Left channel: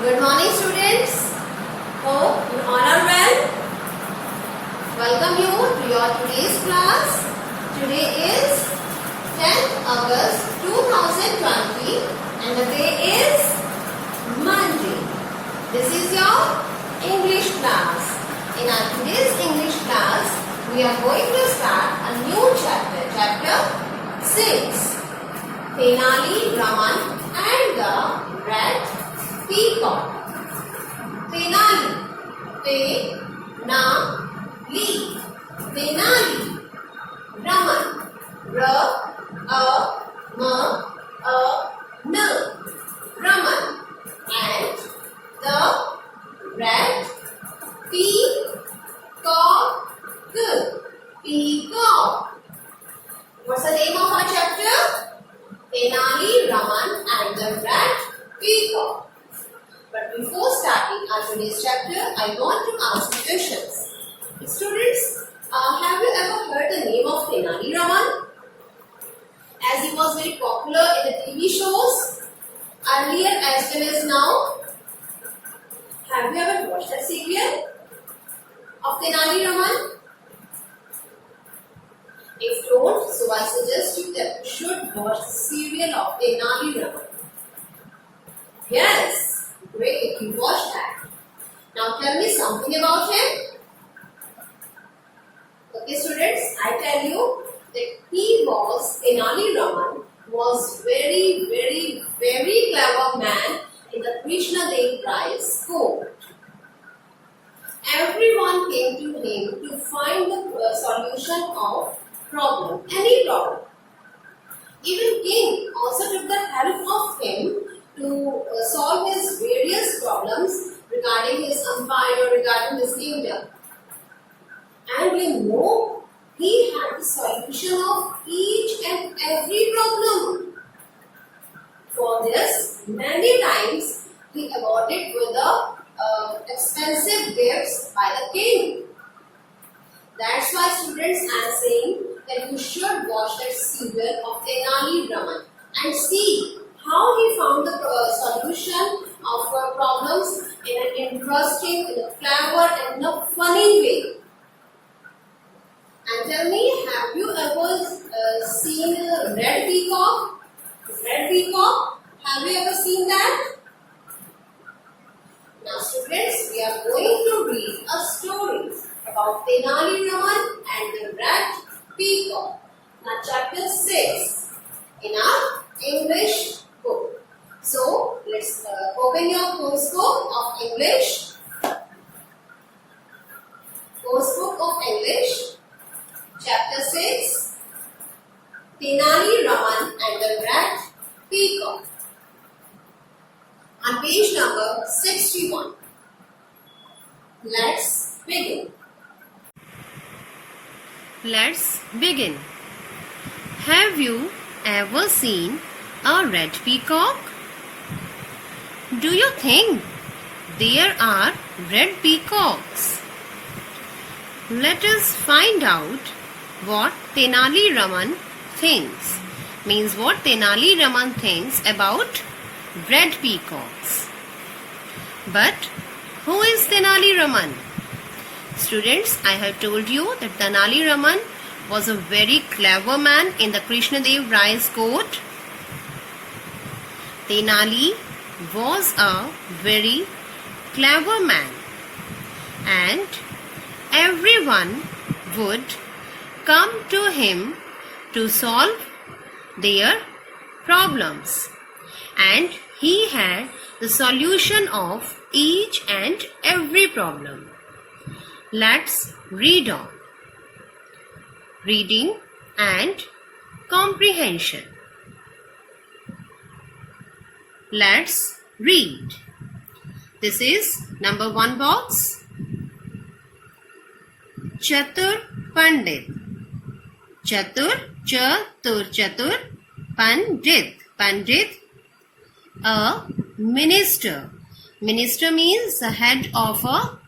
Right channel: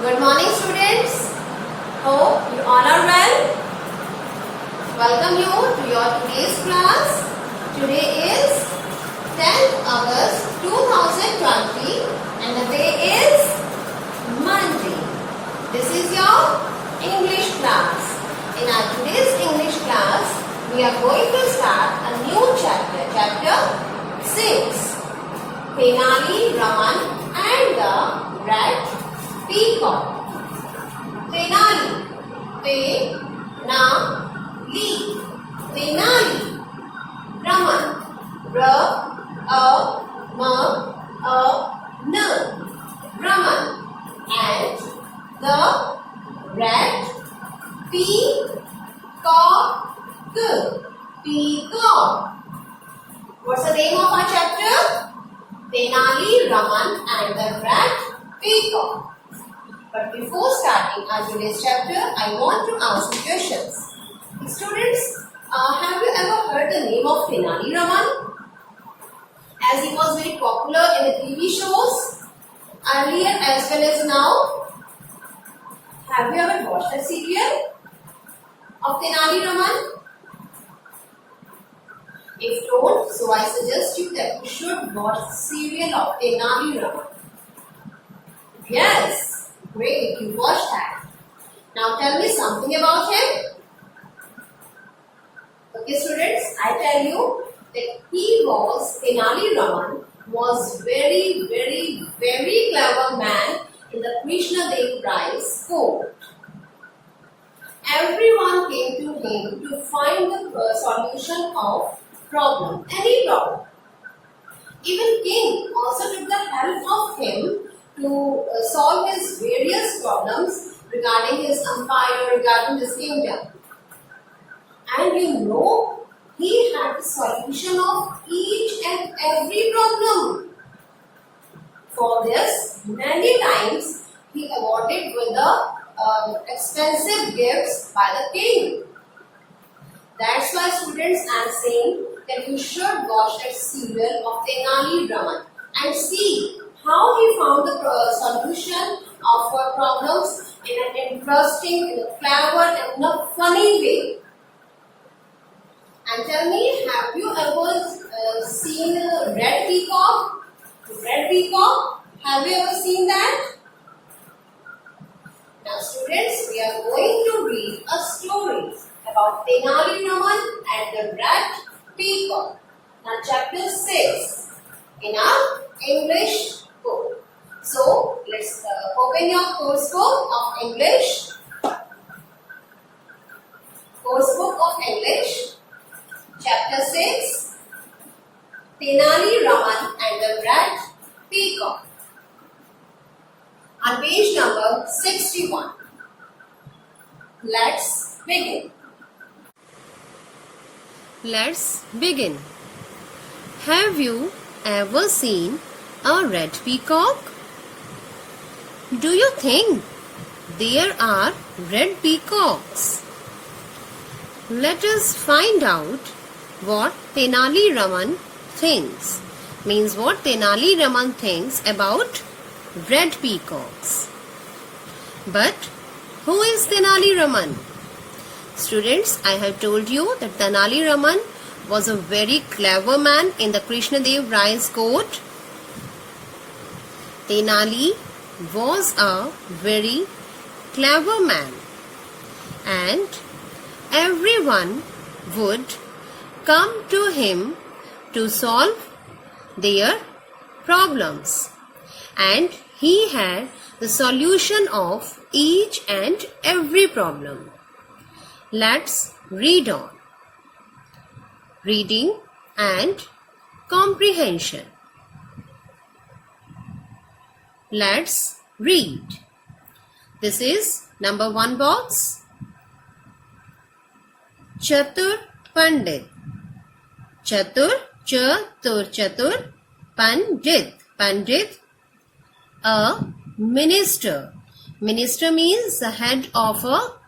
Good morning, students. Hope you all are well. Welcome you to your today's class. Today is 10th August 2020 and the day is Monday. This is your English class. In our today's English class, we are going to start a new chapter, chapter 6. Tenali Raman and the Red Peacock. Tenali, Te-na-li, Tenali, Raman, R-A-M-A-N, Raman, and the Red Peacock, Peacock. What's the name of our chapter? Tenali, Raman, and the Red Peacock. But before starting our today's chapter, I want to ask you questions. Students, have you ever heard the name of Tenali Raman? As he was very popular in the TV shows, earlier as well as now. Have you ever watched that serial of Tenali Raman? If don't, so I suggest you that you should watch the serial of Tenali Raman. Yes. Great, you watched that. Now tell me something about him. Okay, students, I tell you that Tenali Raman was very clever man in the Krishna Dev Rai's court. Everyone came to him to find the solution of problem, any problem. Even king also took the help of him to solve his various problems regarding his empire, regarding his kingdom. And you know, he had the solution of each and every problem. For this, many times he awarded with the expensive gifts by the king. That's why, students, I am saying that you should watch that serial of Tenali Raman and see how he found the solution of problems in an interesting, in a clever and in a funny way. And tell me, have you ever seen Red Peacock? Red Peacock? Have you ever seen that? Now students, we are going to read a story about Tenali Raman and the Red Peacock. Now chapter 6 in our English book. So let's open your course book of English. Course book of English, chapter 6, Tenali Raman and the Red Peacock. On page number 61. Let's begin. Let's begin. Have you ever seen a red peacock? Do you think there are red peacocks? Let us find out what Tenali Raman thinks. Means what Tenali Raman thinks about red peacocks. But who is Tenali Raman? Students, I have told you that Tenali Raman was a very clever man in the Krishna Dev Rai's court. Tenali was a very clever man and everyone would come to him to solve their problems, and he had the solution of each and every problem. Let's read on. Reading and comprehension. Let's read. This is number 1 box. Chatur Pandit. Chatur, Chatur, Pandit. Pandit, a minister. Minister means the head of a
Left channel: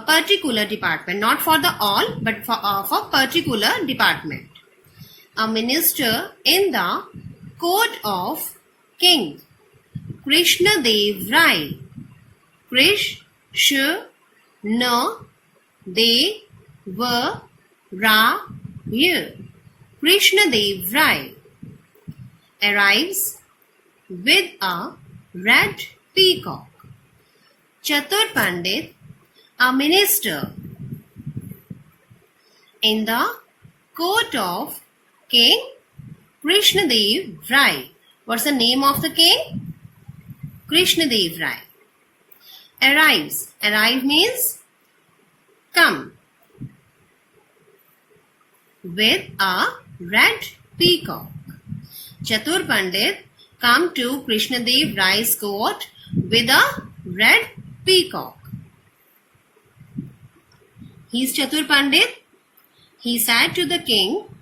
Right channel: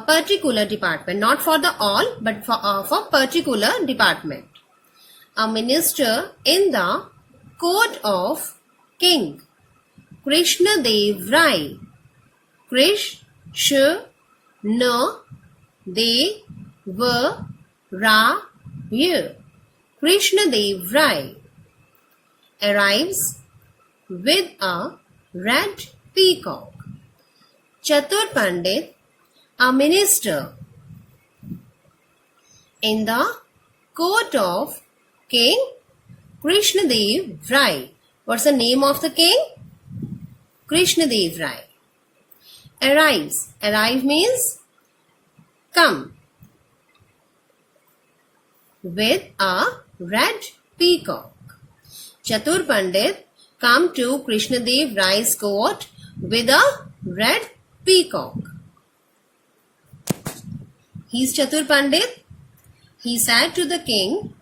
particular department, not for the all, but for particular department. A minister in the court of King Krishna Dev Rai. Krish, Sh, N, De, V, Ra, Y. Krishnadev Rai arrives with a red peacock. Chatur Pandit, a minister in the court of King Krishnadev Rai. What's the name of the king? Krishnadev Rai. Arrives. Arrive means come. With a red peacock. Chatur Pandit come to Krishnadev Rai's court with a red peacock. He is Chatur Pandit. He said to the king,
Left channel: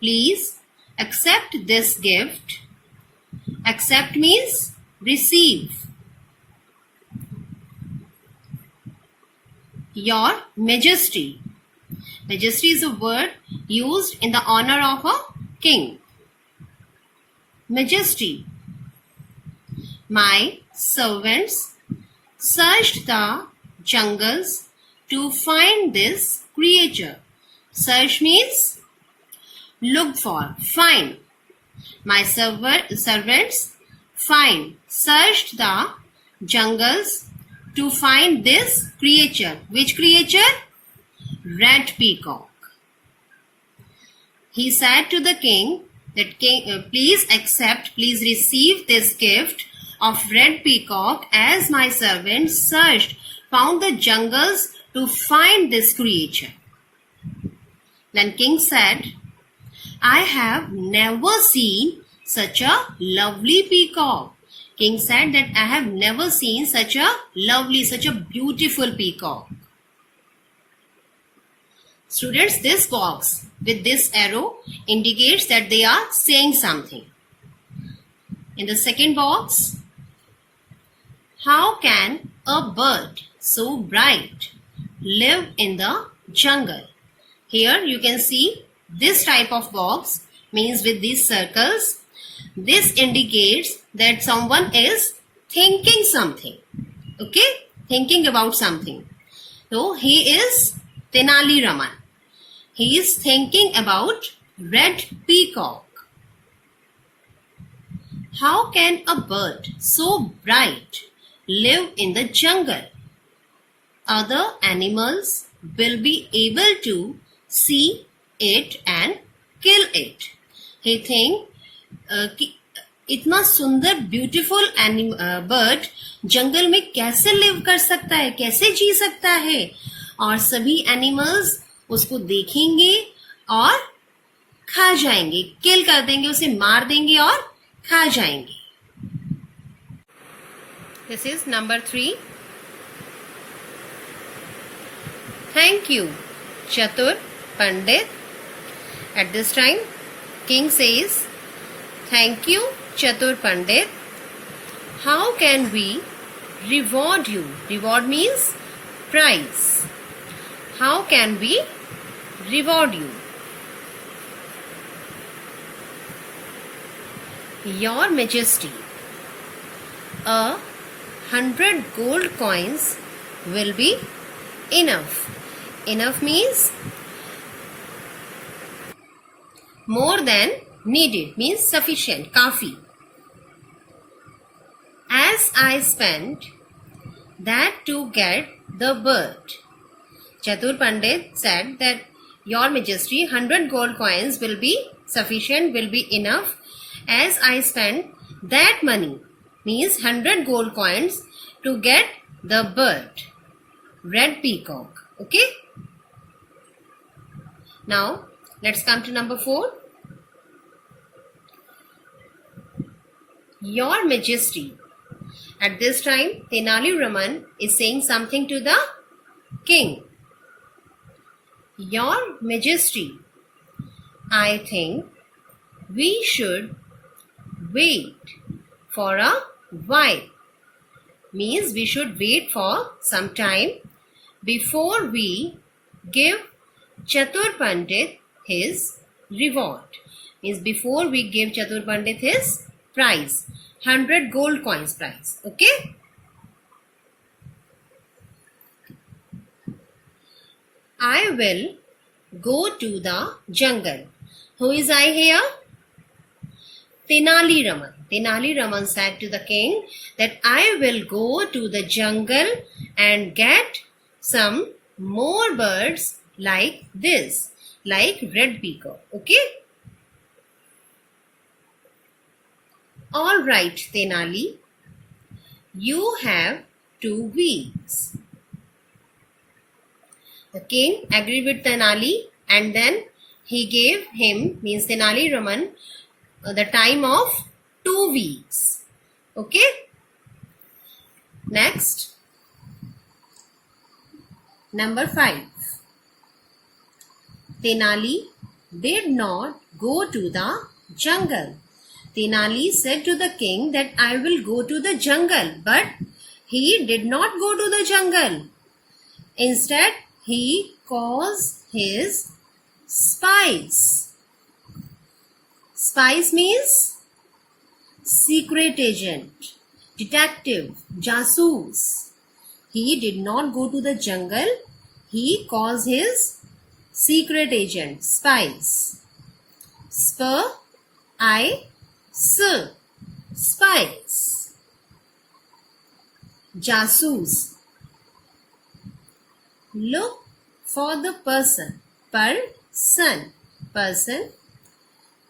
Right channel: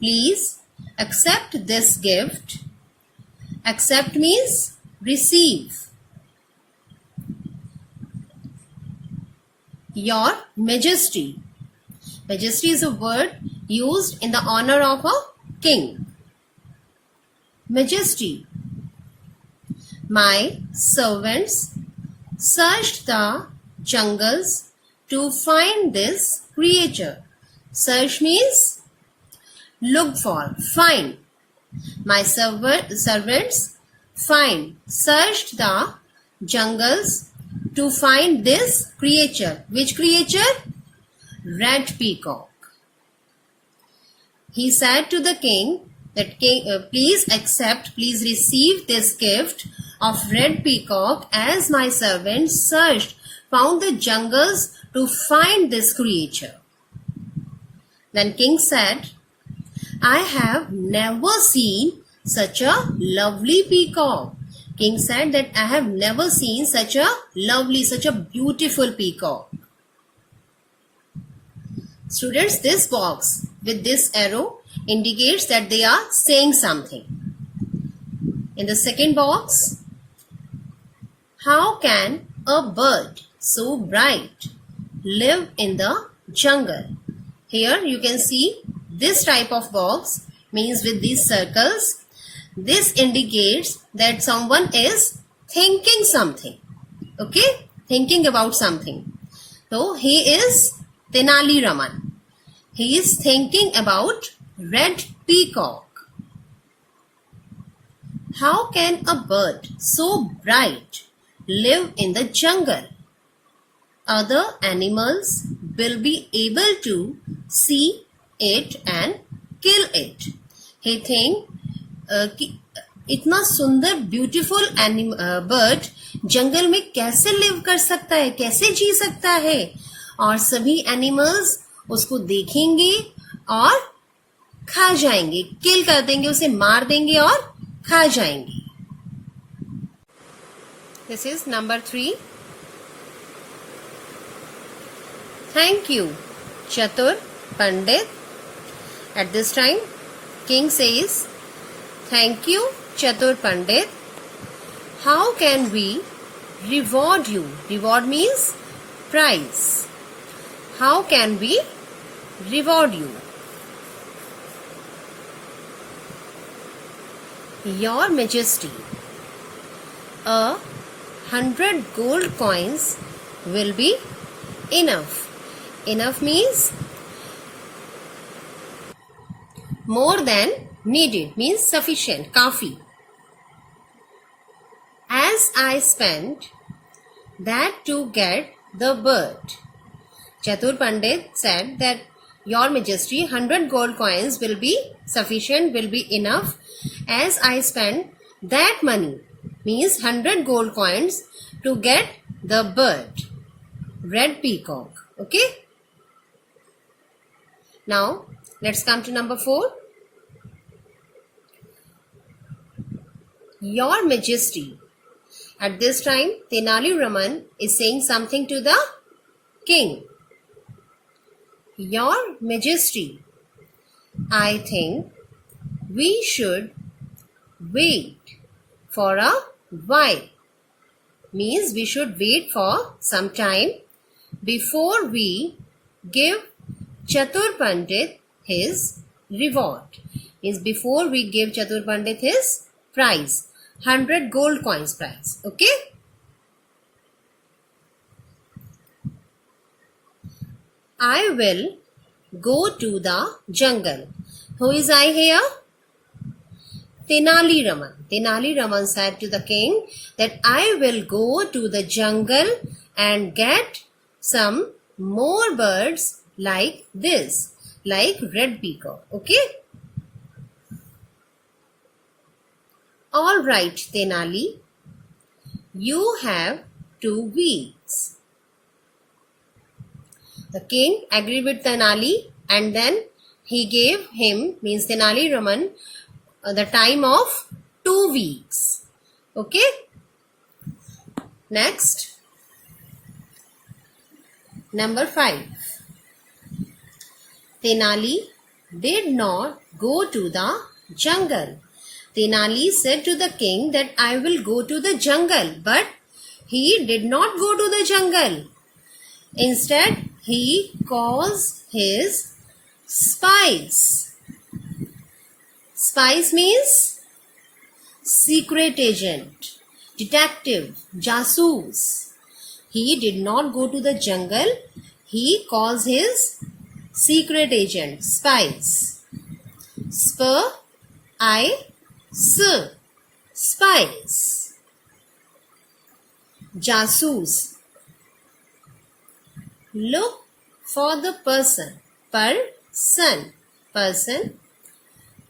please accept this gift. Accept means receive. Your Majesty. Majesty is a word used in the honor of a king. Majesty. My servants searched the jungles to find this creature. Search means look for, find. My servants searched the jungles to find this creature. Which creature? Red peacock. He said to the king that please accept, please receive this gift of red peacock as my servants found the jungles to find this creature. Then king said, I have never seen such a lovely peacock. King said that I have never seen such a lovely, such a beautiful peacock. Students, this box with this arrow indicates that they are saying something. In the second box, how can a bird so bright live in the jungle? Here you can see this type of box means with these circles. This indicates that someone is thinking something. Okay? Thinking about something. So he is Tenali Raman. He is thinking about red peacock. How can a bird so bright live in the jungle? Other animals will be able to see it and kill it. He think कि इतना सुंदर beautiful bird जंगल में कैसे live कर सकता है, कैसे जी सकता है, और सभी एनिमल्स उसको देखेंगे और खा जाएंगे, किल कर देंगे, उसे मार देंगे और खा जाएंगे. This is number 3. Thank you, Chatur Pandit. At this time, king says, thank you, Chatur Pandit. How can we reward you? Reward means prize. How can we reward you? Your Majesty, 100 gold coins will be enough. Enough means more than needed, means sufficient, kafi. As I spent that to get the bird. Chatur Pandit said that Your Majesty, 100 gold coins will be sufficient, will be enough. As I spent that money, means 100 gold coins to get the bird, red peacock. Okay? Now, let's come to number 4. Your Majesty. At this time, Tenali Raman is saying something to the king. Your Majesty, I think we should wait for a while. Means we should wait for some time before we give Chatur Pandit his reward. Means before we give Chatur Pandit his prize, 100 gold coins prize. Okay? I will go to the jungle. Who is I here? Tenali Raman. Tenali Raman said to the king that I will go to the jungle and get some more birds like this, like red peacock. Okay? All right, Tenali. You have 2 weeks. The king agreed with Tenali and then he gave him, means Tenali Raman, the time of 2 weeks. Okay? Next. Number 5. Tenali did not go to the jungle. Tenali said to the king that I will go to the jungle, but he did not go to the jungle. Instead, he caused his spies. Spies means secret agent, detective, jasoos. He did not go to the jungle. He caused his secret agent, spies. Spies. Jasoos. Look for the person. Person.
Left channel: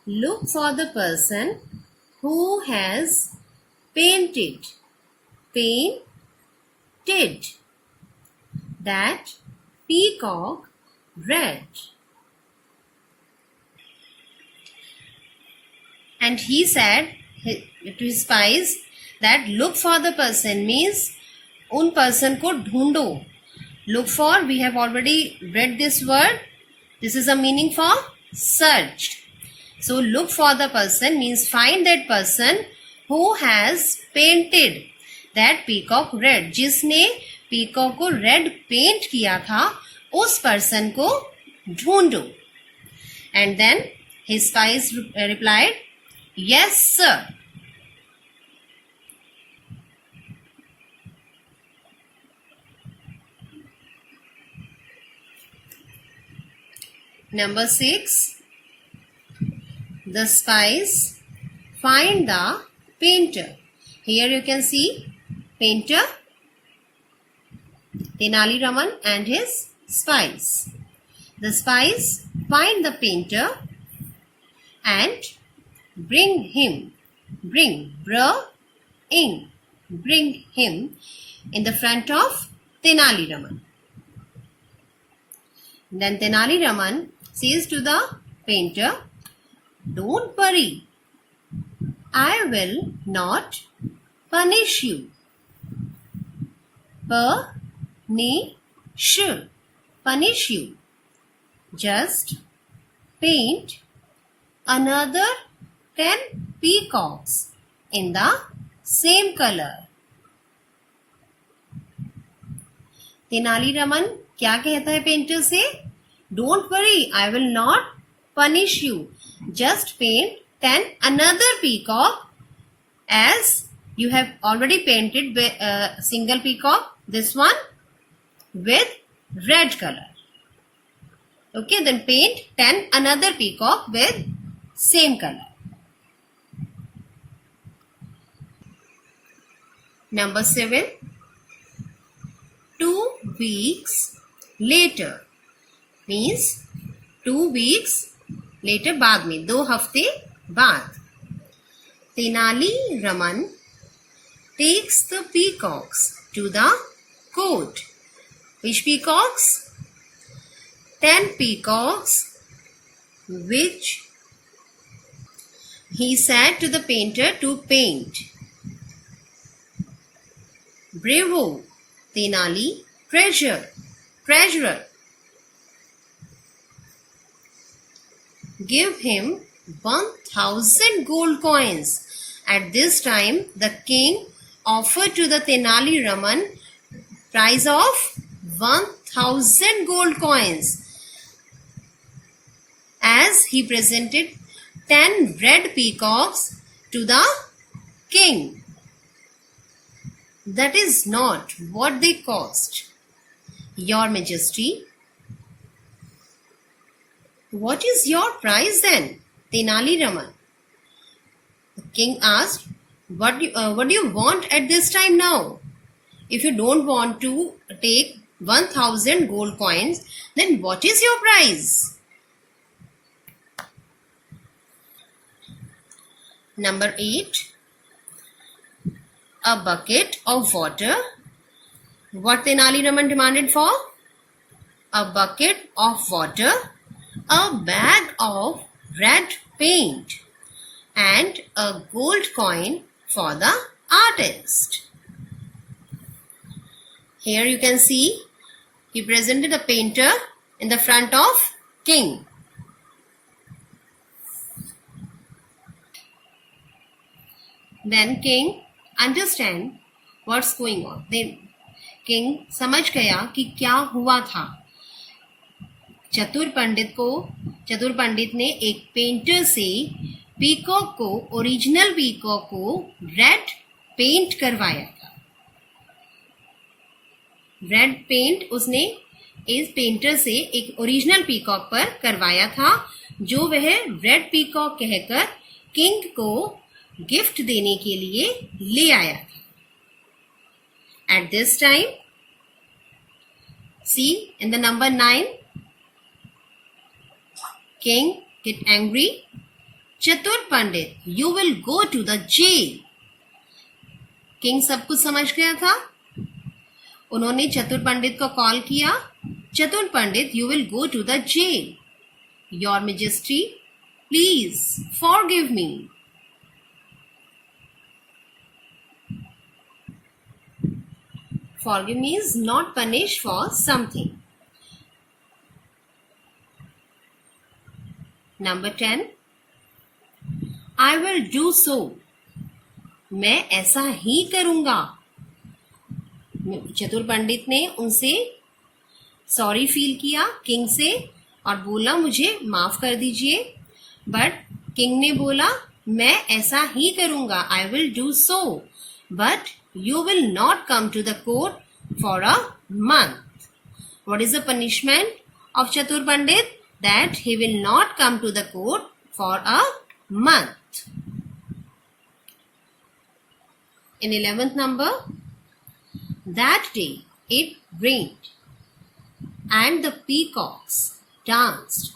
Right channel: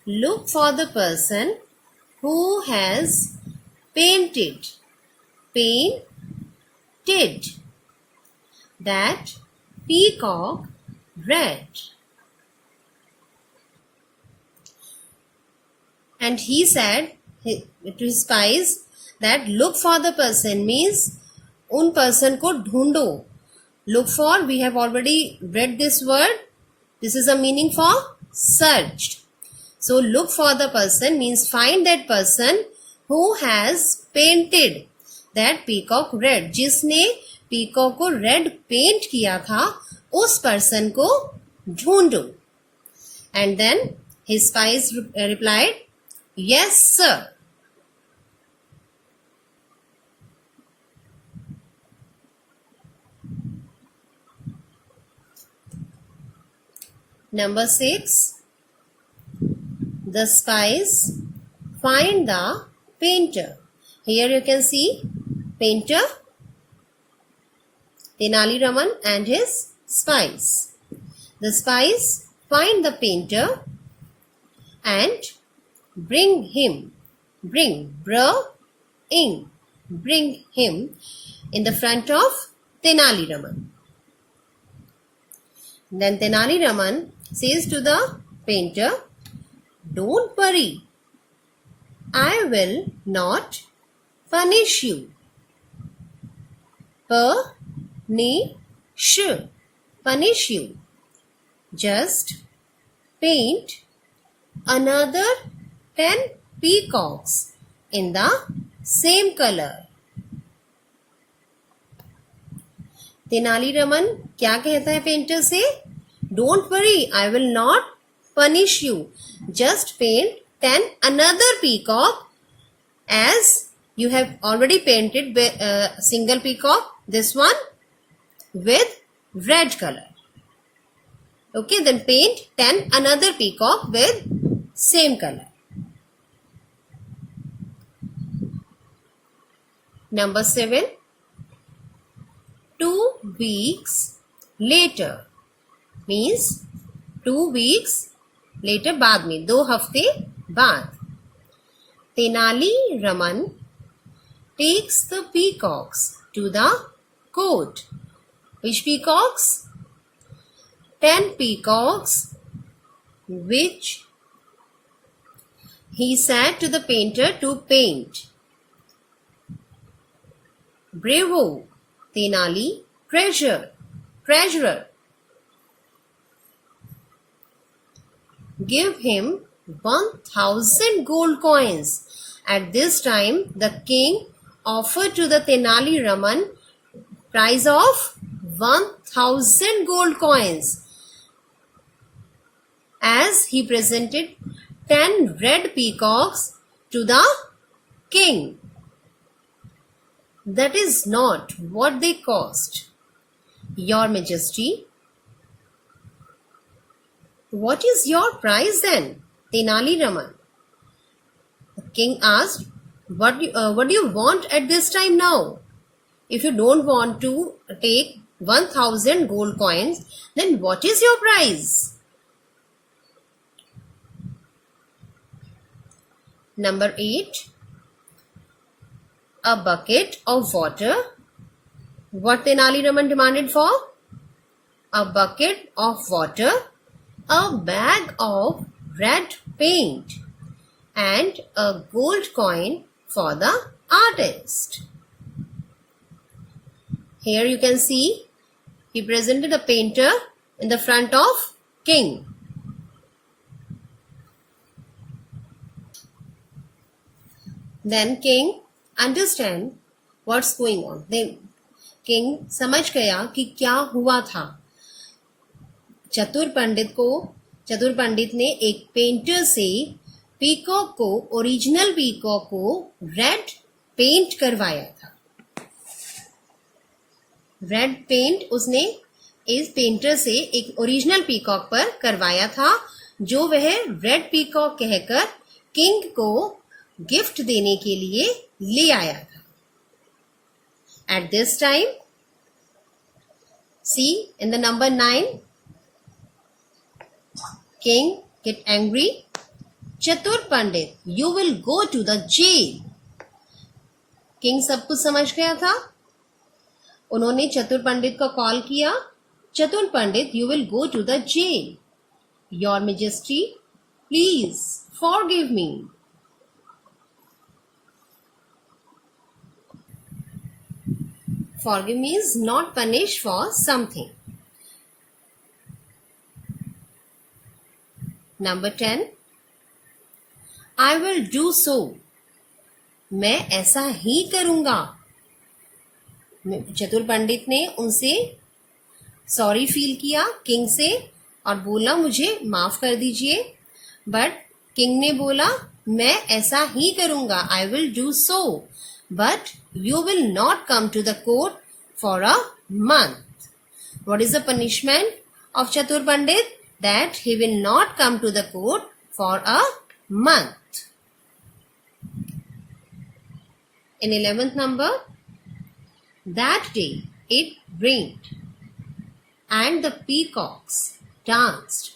Look for the person who has painted that peacock red. And he said to his spies that look for the person means उन person को ढूंढो. Look for, we have already read this word. This is a meaning for search. So look for the person means find that person who has painted that peacock red. जिसने peacock को red paint किया था, उस person को ढूंढो. And then his spies replied, yes, sir. Number 6. The spies find the painter. Here you can see painter, Tenali Raman and his spies. The spies find the painter and bring him in the front of Tenali Raman. Then Tenali Raman says to the painter, don't worry, I will not punish you. Punish you. Just paint another 10 peacocks in the same color. Tenali Raman क्या कहता है painter से? Don't worry, I will not punish you. Just paint 10 another peacock as you have already painted single peacock, this one with red color. Okay, then paint 10 another peacock with same color. Number 7. 2 weeks later means 2 weeks later बाद में 2 हफ्ते बाद Tenali Raman takes the peacocks to the court. Which peacocks? 10 peacocks which he said to the painter to paint. Bravo, Tenali, treasurer. Give him 1,000 gold coins. At this time, the king offered to the Tenali Raman prize of 1,000 gold coins as he presented 10 red peacocks to the king. That is not what they cost, Your Majesty. What is your prize then, Tenali Raman? The king asked, what do you want at this time now? If you don't want to take 1000 gold coins, then what is your prize? Number 8. A bucket of water. What Tenali Raman demanded for? A bucket of water, a bag of red paint, and a gold coin for the artist. Here you can see he presented a painter in the front of king. Then king understand what's going on. Then king समझ गया कि क्या हुआ था. चतुर पंडित ने एक painter से पीकॉक को, ओरिजिनल पीकॉक को रेड पेंट करवाया था. रेड पेंट उसने इस पेंटर से एक ओरिजिनल पीकॉक पर करवाया था, जो वह रेड पीकॉक कहकर किंग को गिफ्ट देने के लिए ले आया था. At this time, see in the number 9, king get angry. Chatur Pandit, you will go to the jail. King सब कुछ समझ गया था. उन्होंने चतुर पंडित को कॉल किया. चतुर पंडित, you will go to the jail. Your Majesty, please forgive me. Forgive means not punish for something. Number 10. I will do so. मैं ऐसा ही करूंगा. चतुर पंडित ने उनसे सॉरी फील किया किंग से और बोला मुझे माफ कर दीजिए. बट किंग ने बोला मैं ऐसा ही करूंगा. I will do so. But you will not come to the court for a month. What is the punishment of Chatur Pandit? That he will not come to the court for a month. In 11th number, that day it rained and the peacocks danced.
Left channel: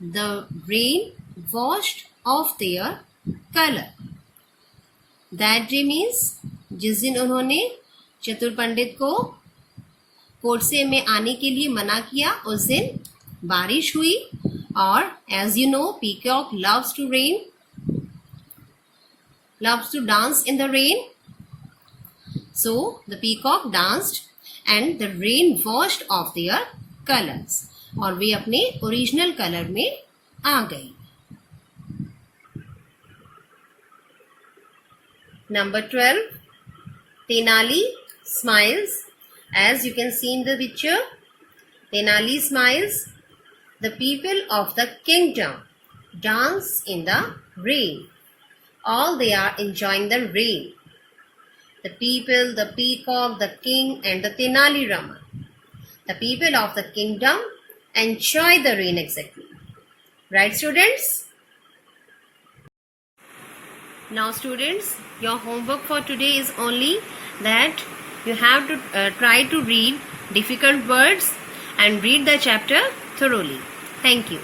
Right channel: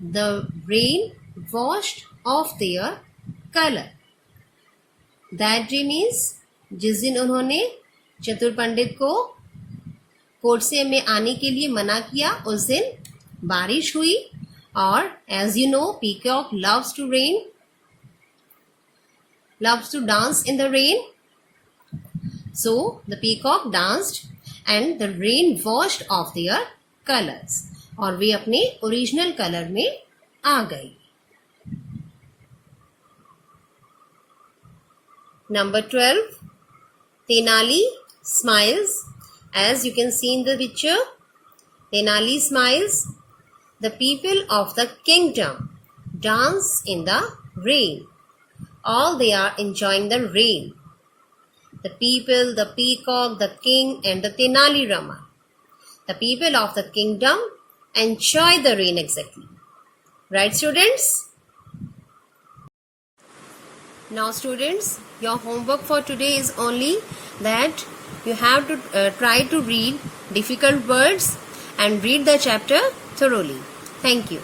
The rain washed off their color. That day means जिस दिन उन्होंने चतुर पंडित को court से में आने के लिए मना किया, उस दिन बारिश हुई. और as you know, peacock loves to rain, loves to dance in the rain. So the peacock danced and the rain washed off their colors. और वे अपने ओरिजिनल कलर में आ गई. Number 12. Tenali smiles. As you can see in the picture, Tenali smiles. The people of the kingdom dance in the rain. All they are enjoying the rain. The people, the peacock, the king and the Tenali Raman. The people of the kingdom enjoy the rain exactly. Right, students? Now students, your homework for today is only that you have to try to read difficult words and read the chapter thoroughly. Thank you.